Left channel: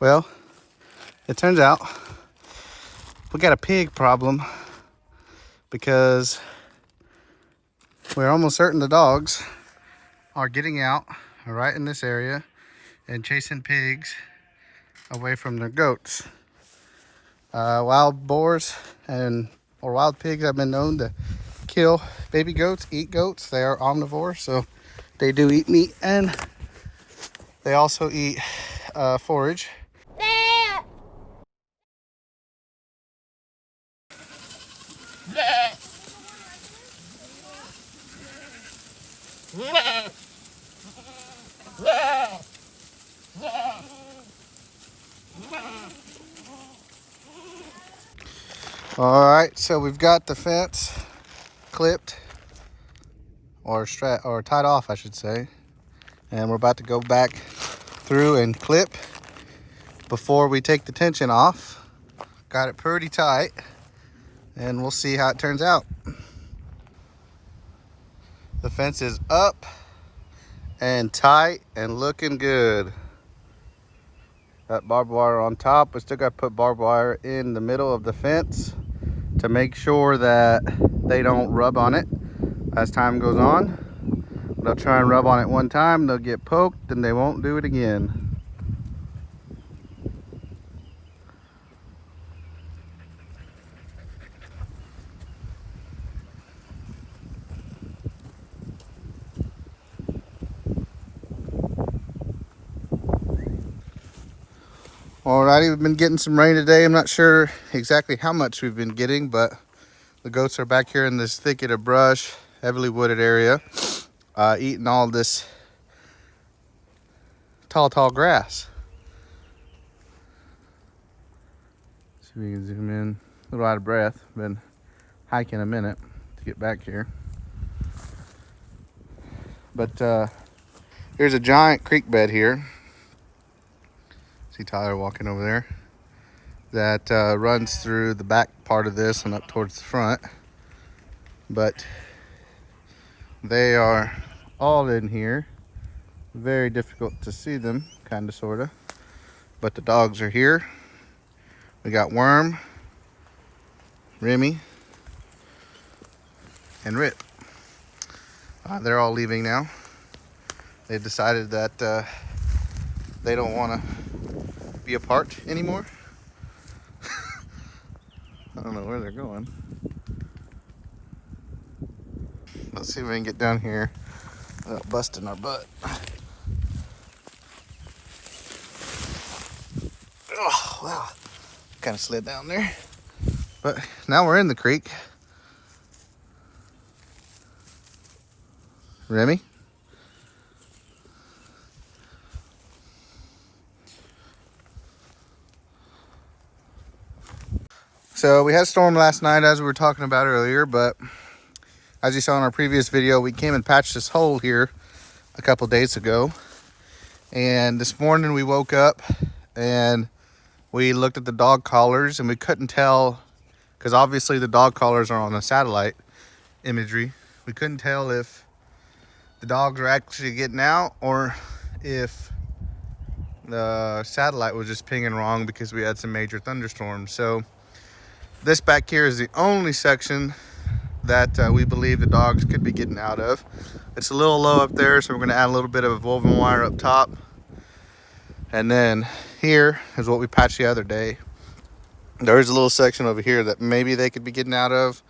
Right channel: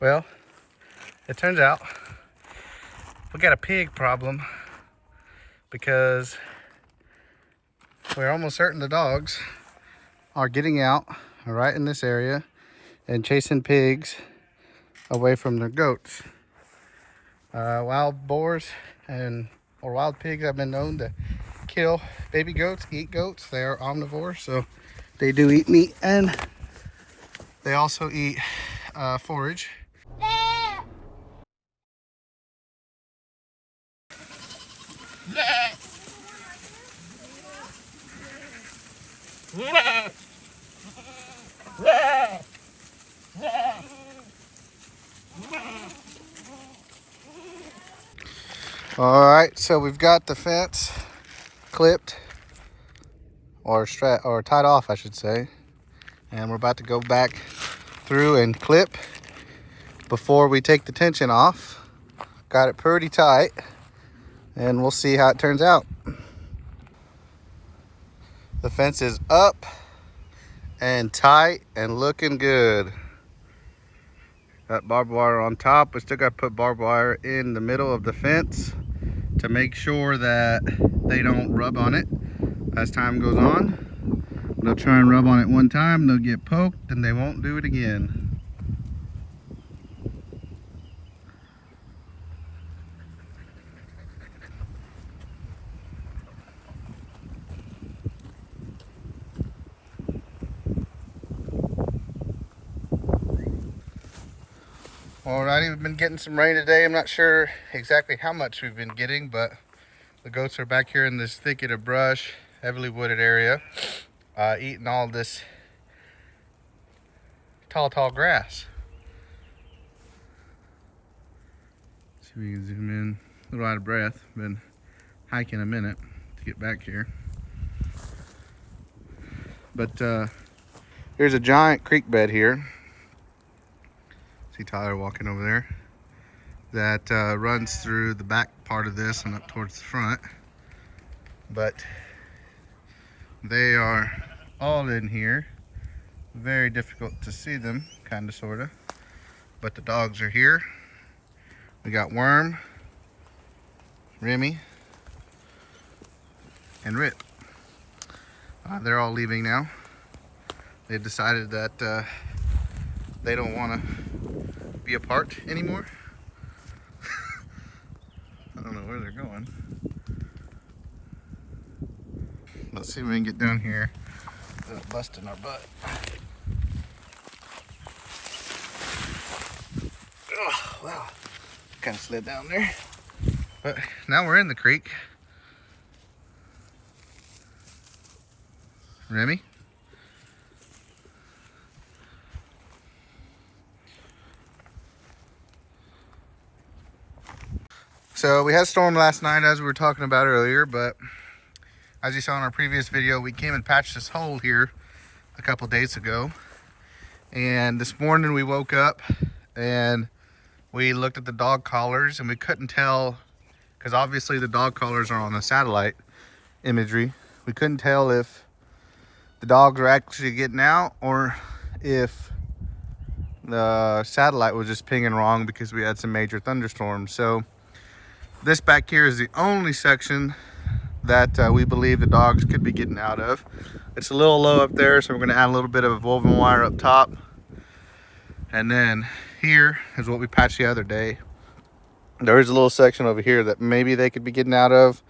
Well, it turns out we got a pig problem because we're almost certain the dogs are getting out right in this area and chasing pigs away from their goats. Wild boars or wild pigs have been known to kill baby goats, eat goats. They are omnivores, so they do eat meat and they also eat forage. All right, so we've got the fence clipped or tied off, I should say, and we're about to go back through and clip before we take the tension off. Got it pretty tight, and we'll see how it turns out. The fence is up and tight and looking good. Got barbed wire on top. We still got to put barbed wire in the middle of the fence to make sure that they don't rub on it as time goes on. They'll try and rub on it one time, they'll get poked, and they won't do it again. Alrighty, we've been getting some rain today. I'm not sure exactly how much we've been getting, but the goats are back here in this thicket of brush, heavily wooded area, eating all this tall grass. See if we can zoom in. A little out of breath. Been hiking a minute to get back here. But here's a giant creek bed here. See Tyler walking over there. That runs through the back part of this and up towards the front. But they are all in here. Very difficult to see them, kind of, sort of. But the dogs are here. We got Worm, Remy, and Rip. They're all leaving now. They've decided that they don't want to be apart anymore. I don't know where they're going. Let's see if we can get down here without busting our butt. Oh, wow. Kind of slid down there. But now we're in the creek. Remy? So we had a storm last night, as we were talking about earlier, but as you saw in our previous video, we came and patched this hole here a couple days ago. And this morning we woke up and we looked at the dog collars and we couldn't tell, because obviously the dog collars are on a satellite imagery. We couldn't tell if the dogs were actually getting out or if the satellite was just pinging wrong because we had some major thunderstorms. So this back here is the only section that we believe the dogs could be getting out of. It's a little low up there, so we're going to add a little bit of woven wire up top. And then here is what we patched the other day. There is a little section over here that maybe they could be getting out of.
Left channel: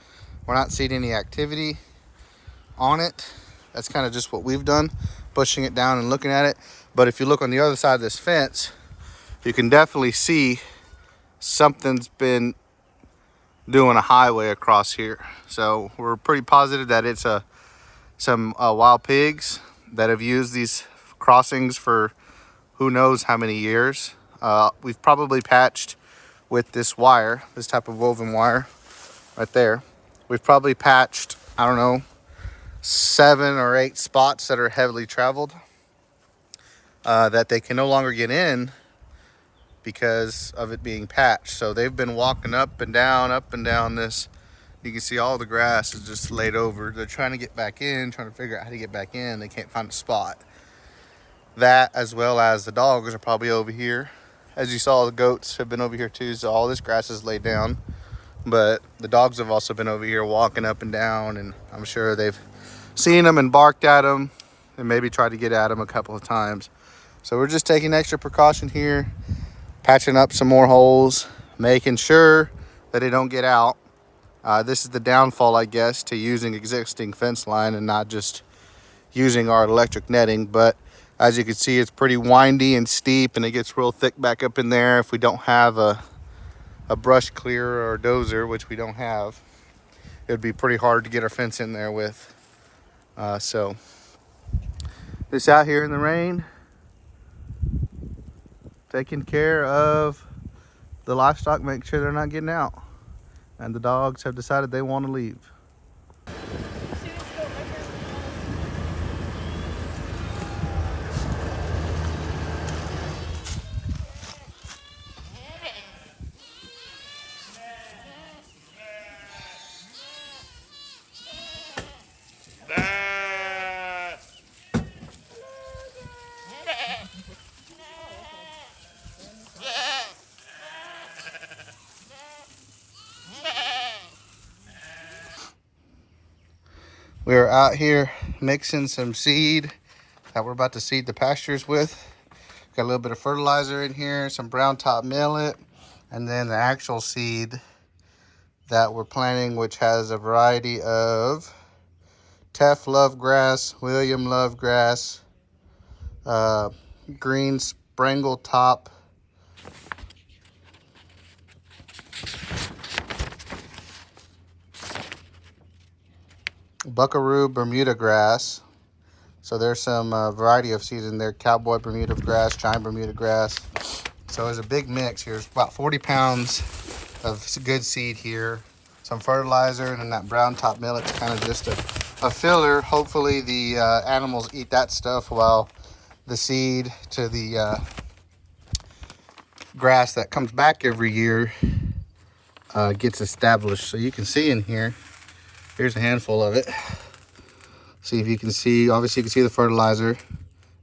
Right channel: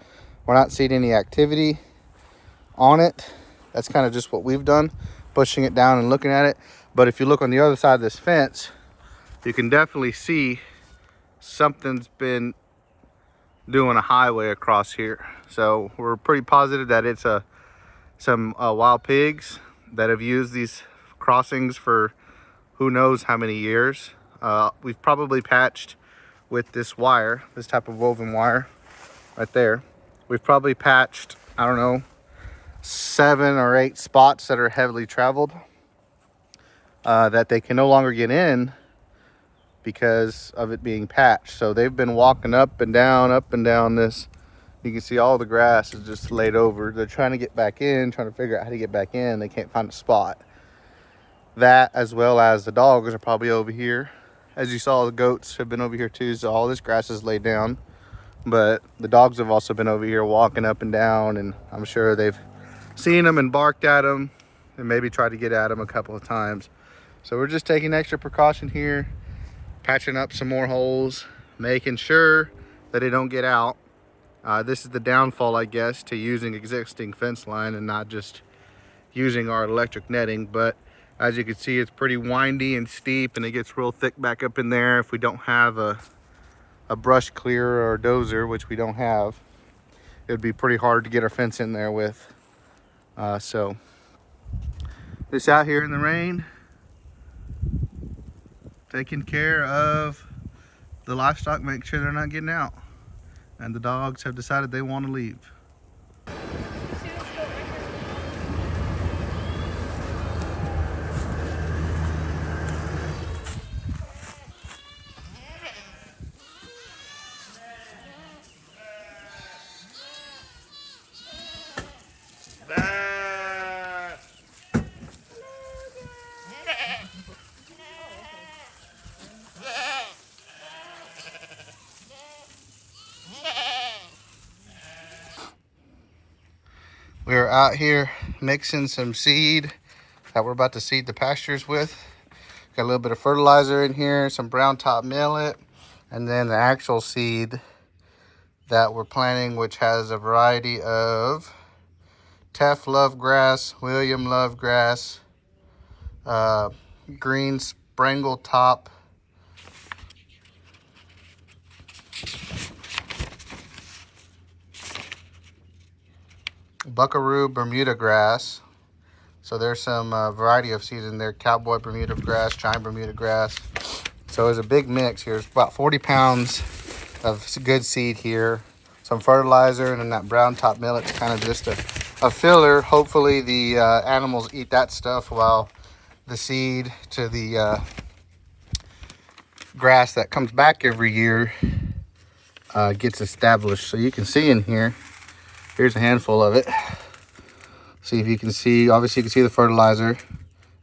We're not seeing any activity on it. That's kind of just what we've done, pushing it down and looking at it. But if you look on the other side of this fence, you can definitely see something's been doing a highway across here. So we're pretty positive that it's some wild pigs that have used these crossings for who knows how many years. We've probably patched with this wire, this type of woven wire right there. We've probably patched, I don't know, 7 or 8 spots that are heavily traveled that they can no longer get in because of it being patched. So they've been walking up and down this. You can see all the grass is just laid over. They're trying to get back in, trying to figure out how to get back in. They can't find a spot. That, as well as the dogs, are probably over here As you saw, the goats have been over here too, so all this grass is laid down. But the dogs have also been over here walking up and down, and I'm sure they've seen them and barked at them and maybe tried to get at them a couple of times. So we're just taking extra precaution here, patching up some more holes, making sure that they don't get out. This is the downfall, I guess, to using existing fence line and not just using our electric netting. But as you can see, it's pretty windy and steep, and it gets real thick back up in there. If we don't have a brush clearer or a dozer, which we don't have, it would be pretty hard to get our fence in there with. So just out here in the rain, taking care of the livestock, make sure they're not getting out. And the dogs have decided they want to leave. We are out here mixing some seed that we're about to seed the pastures with. Got a little bit of fertilizer in here, some brown top millet, and then the actual seed that we're planting, which has a variety of Teff lovegrass, William lovegrass, green sprangle top, buckaroo Bermuda grass. So there's some variety of seeds in there. Cowboy Bermuda grass, giant Bermuda grass. So there's a big mix here. It's about 40 pounds of good seed here. Some fertilizer, and then that brown top millet's kind of just a filler. Hopefully the animals eat that stuff while the seed to the grass that comes back every year gets established. So you can see in here, here's a handful of it. See if you can see, obviously you can see the fertilizer.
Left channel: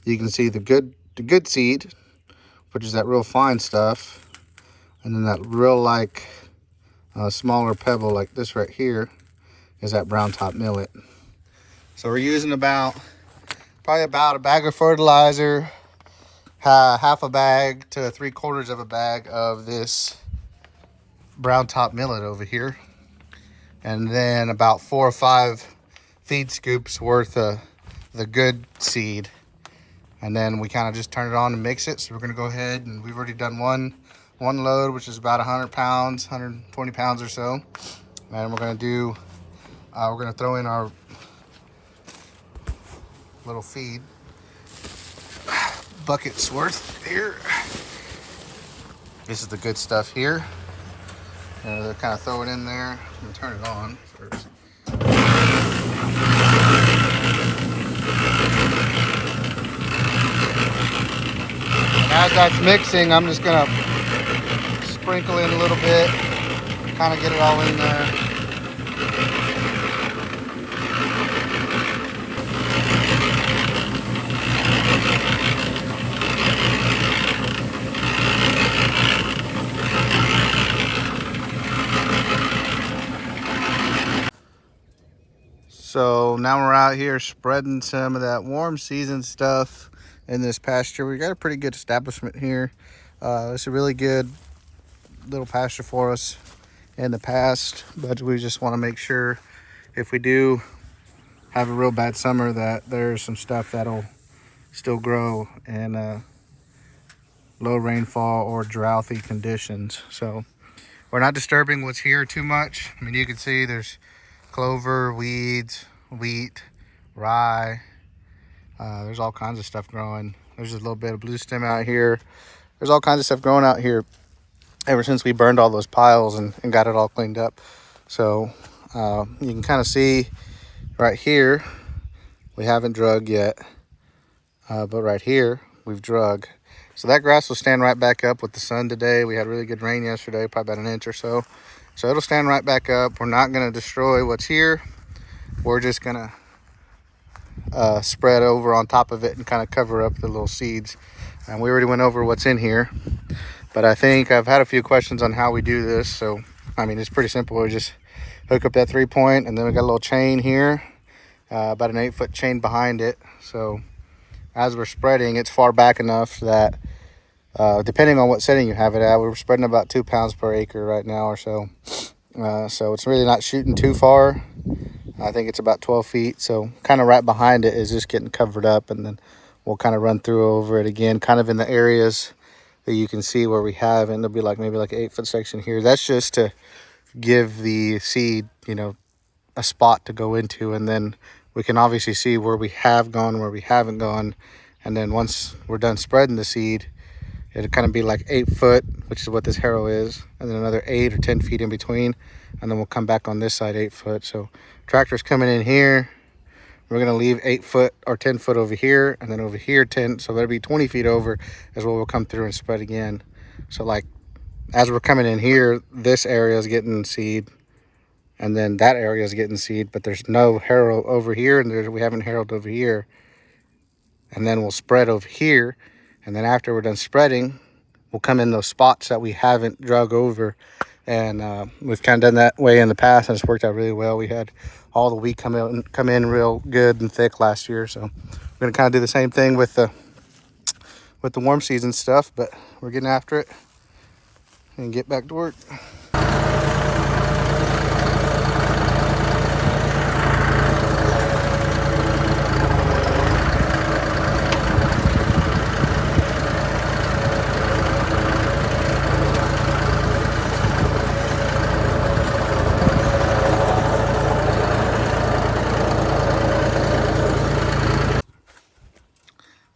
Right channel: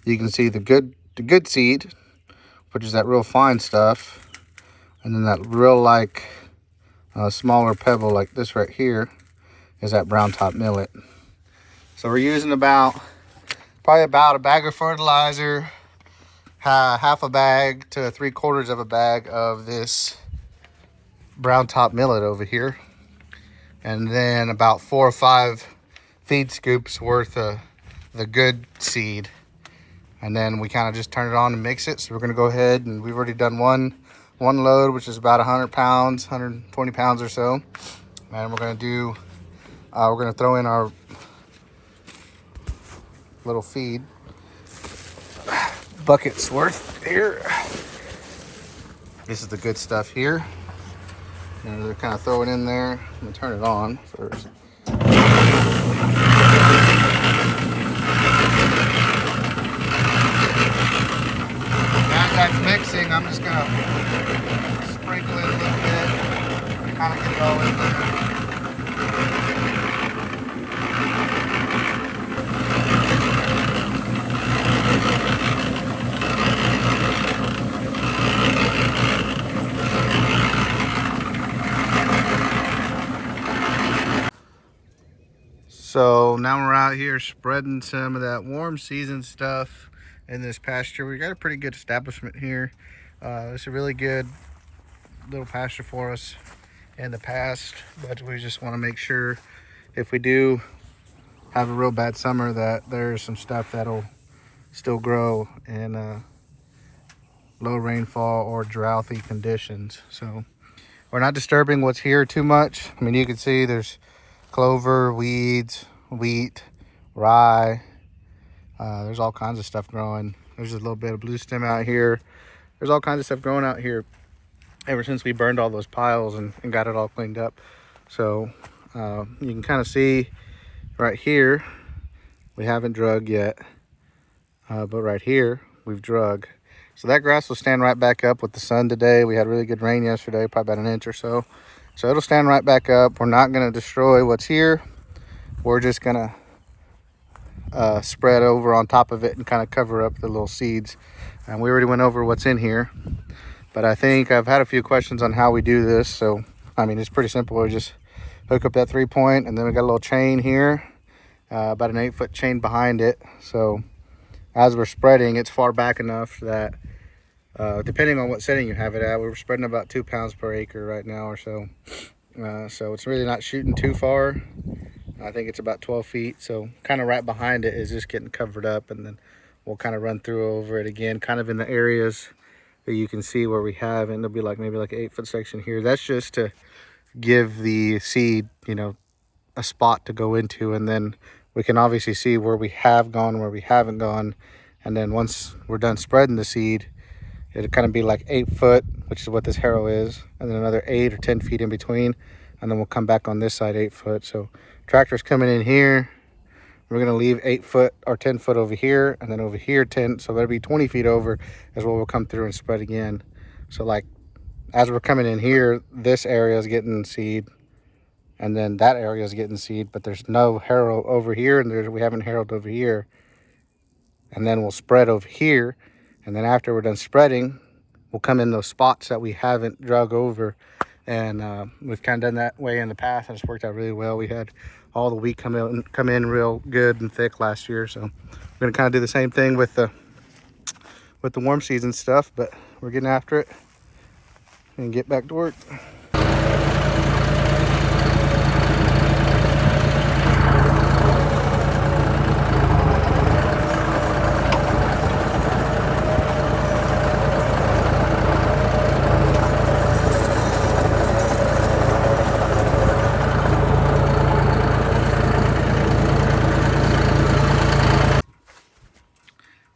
You can see the good seed, which is that real fine stuff. And then that real smaller pebble like this right here is that brown top millet. So we're using probably about a bag of fertilizer, half a bag to 3/4 of a bag of this brown top millet over here. And then about 4 or 5 feed scoops worth of the good seed, and then we kind of just turn it on and mix it. So we're going to go ahead, and we've already done one load, which is about 100 pounds, 120 pounds or so. And we're going to throw in our little feed buckets worth here. This is the good stuff here, and they're kind of throw it in there. I'm going to turn it on first. As that's mixing, I'm just gonna sprinkle it a little bit, kind of get it all in there. So now we're out here spreading some of that warm season stuff in this pasture. We got a pretty good establishment here. It's a really good little pasture for us in the past, but we just want to make sure if we do have a real bad summer that there's some stuff that'll still grow in low rainfall or drouthy conditions. So we're not disturbing what's here too much. I mean, you can see there's clover, weeds, wheat, rye. There's all kinds of stuff growing. There's a little bit of blue stem out here. There's all kinds of stuff growing out here ever since we burned all those piles and got it all cleaned up. So you can kind of see right here, we haven't drug yet, but right here we've drug. So that grass will stand right back up with the sun today. We had really good rain yesterday, probably about an inch or so. So it'll stand right back up. We're not going to destroy what's here. We're just going to spread over on top of it and kind of cover up the little seeds. And we already went over what's in here. But I think I've had a few questions on how we do this. So, I mean, it's pretty simple. We just hook up that 3-point, and then we got a little chain here, about an 8-foot chain behind it. So as we're spreading, it's far back enough that depending on what setting you have it at, we're spreading about 2 pounds per acre right now or so. So it's really not shooting too far. I think it's about 12 feet. So kind of right behind it is just getting covered up, and then we'll kind of run through over it again, kind of in the areas that you can see where we have, and there'll be like maybe like an 8-foot section here. That's just to give the seed, you know, a spot to go into, and then we can obviously see where we have gone, where we haven't gone. And then once we're done spreading the seed, it'll kind of be like 8 foot, which is what this harrow is, and then another 8 or 10 feet in between, and then we'll come back on this side 8 foot. So tractor's coming in here, we're going to leave 8 foot or 10 foot over here, and then over here 10, so that'll be 20 feet over is where we'll come through and spread again. So like as we're coming in here, this area is getting seed, and then that area is getting seed, but there's no harrow over here, and we haven't harrowed over here. And then we'll spread over here, and then after we're done spreading, we'll come in those spots that we haven't drug over. And we've kind of done that way in the past, and it's worked out really well. We had all the wheat come in real good and thick last year, so we're gonna kind of do the same thing with the warm season stuff, but we're getting after it and get back to work.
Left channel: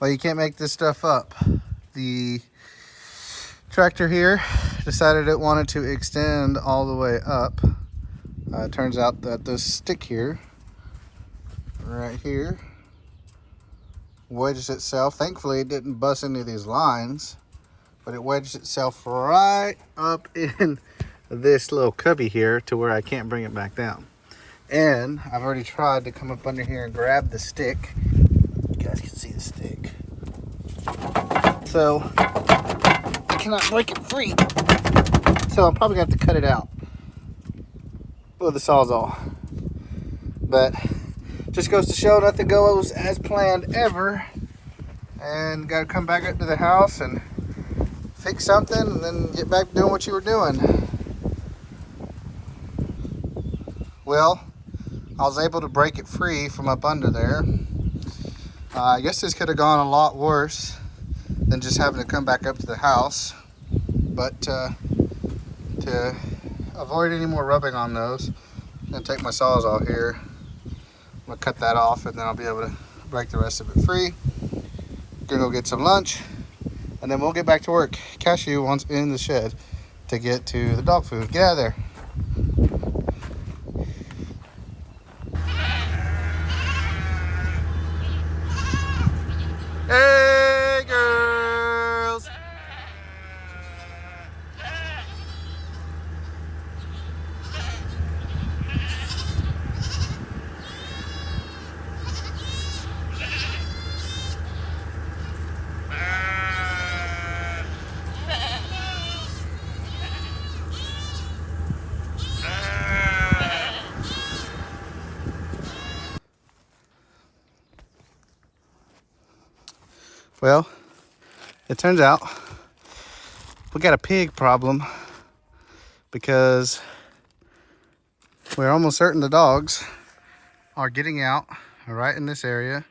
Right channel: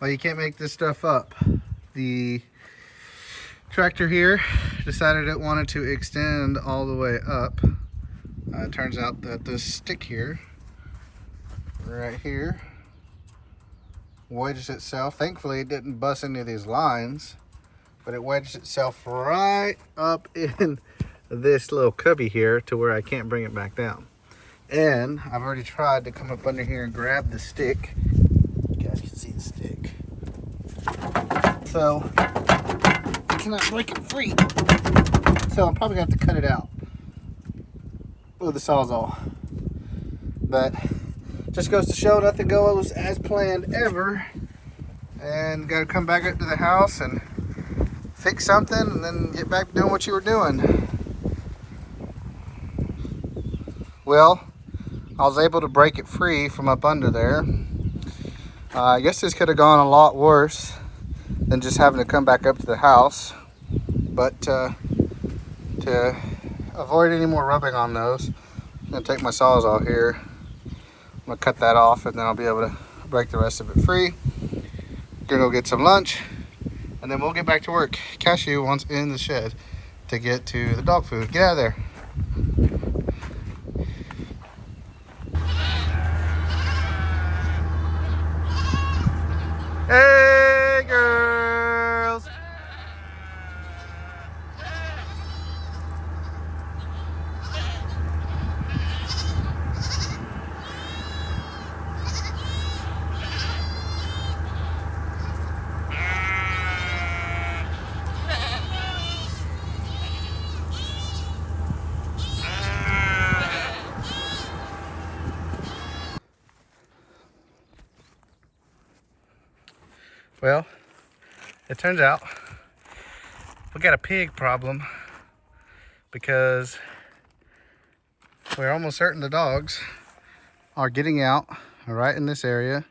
Well, you can't make this stuff up. The tractor here decided it wanted to extend all the way up. It turns out that this stick here, right here, wedged itself. Thankfully, it didn't bust any of these lines, but it wedged itself right up in this little cubby here to where I can't bring it back down. And I've already tried to come up under here and grab the stick. You guys can see the stick. So I cannot break it free. So I'm probably gonna have to cut it out with the Sawzall. But just goes to show nothing goes as planned ever. And gotta come back up to the house and fix something and then get back to doing what you were doing. Well, I was able to break it free from up under there. I guess this could have gone a lot worse than just having to come back up to the house. But to avoid any more rubbing on those, I'm gonna take my Sawzall here. I'm gonna cut that off, and then I'll be able to break the rest of it free. Gonna go get some lunch, and then we'll get back to work. Cashew wants in the shed to get to the dog food. Get out of there. Hey, girls. Well, it turns out we got a pig problem because we're almost certain the dogs are getting out right in this area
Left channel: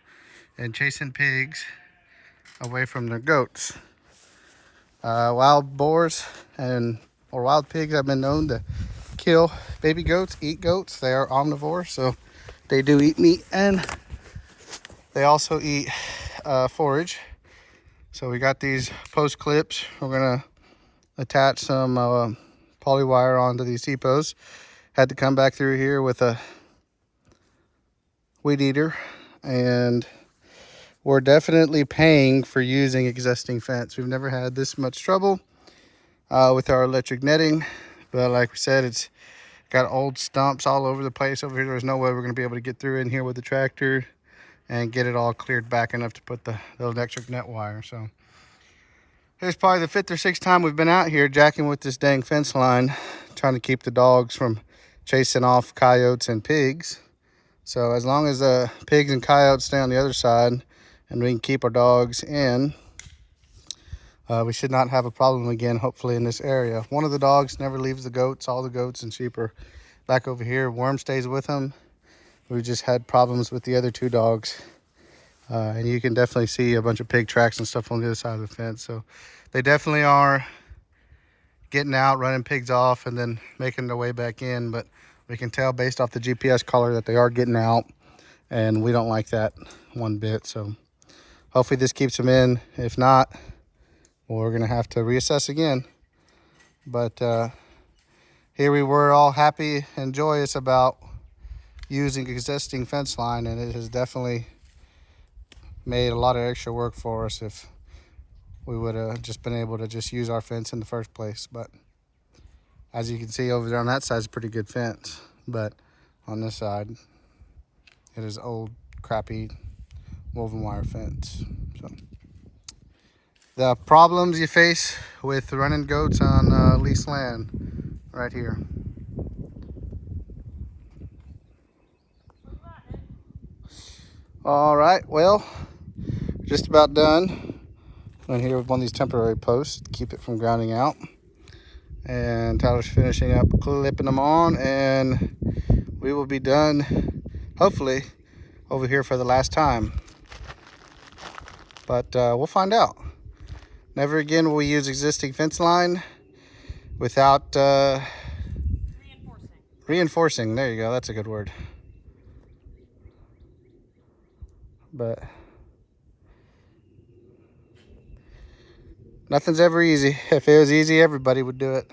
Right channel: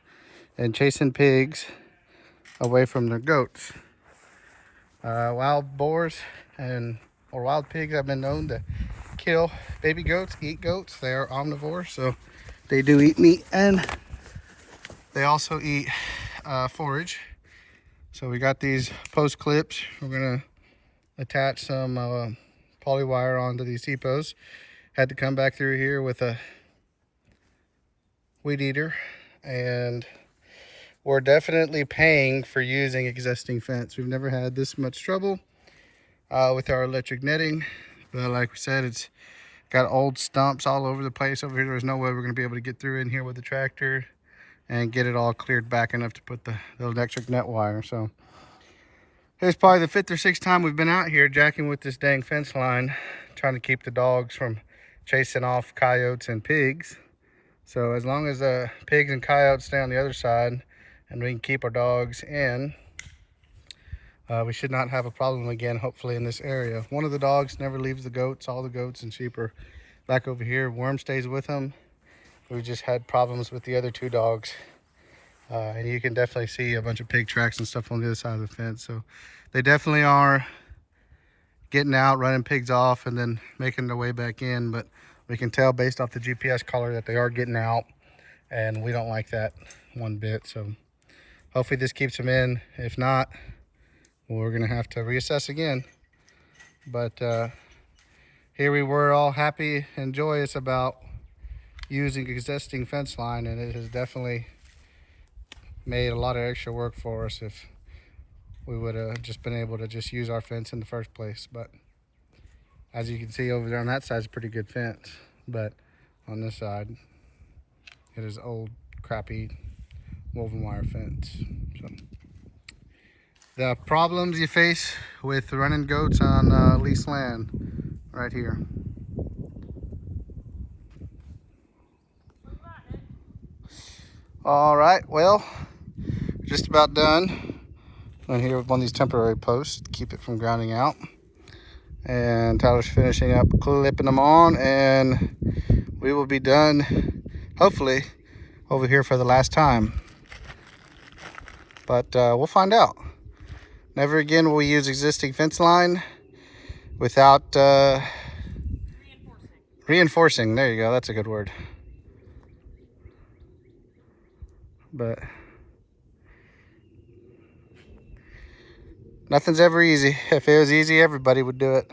and chasing pigs away from their goats. Wild boars or wild pigs have been known to kill baby goats, eat goats. They are omnivores, so they do eat meat, and they also eat forage. So we got these post clips. We're gonna attach some poly wire onto these T-posts. Had to come back through here with a weed eater, and we're definitely paying for using existing fence. We've never had this much trouble with our electric netting, but like we said, it's got old stumps all over the place over here. There's no way we're gonna be able to get through in here with the tractor and get it all cleared back enough to put the electric net wire. So Here's probably the 5th or 6th time we've been out here jacking with this dang fence line, trying to keep the dogs from chasing off coyotes and pigs. So as long as the pigs and coyotes stay on the other side and we can keep our dogs in, we should not have a problem again, hopefully, in this area. One of the dogs never leaves the goats. All the goats and sheep are back over here. Worm stays with them. We just had problems with the other 2 dogs. And you can definitely see a bunch of pig tracks and stuff on the other side of the fence. So they definitely are getting out, running pigs off, and then making their way back in. But we can tell based off the GPS collar that they are getting out, and we don't like that one bit. So hopefully this keeps them in. If not, well, we're gonna have to reassess again. But here we were all happy and joyous about using existing fence line, and it has definitely made a lot of extra work for us if we would have just been able to just use our fence in the first place. But as you can see over there on that side is a pretty good fence, but on this side it is old crappy woven wire fence. So the problems you face with running goats on leased land right here. All right, well, just about done. And here with one of these temporary posts to keep it from grounding out. And Tyler's finishing up clipping them on, and we will be done, hopefully, over here for the last time. But we'll find out. Never again will we use existing fence line without reinforcing. There you go, that's a good word. But nothing's ever easy. If it was easy, everybody would do it.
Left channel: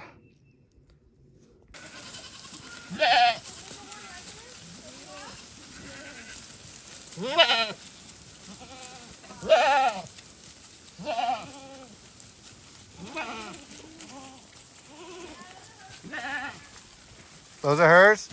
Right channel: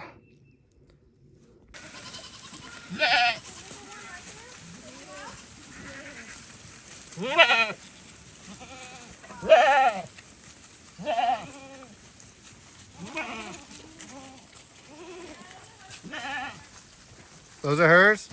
Those are hers?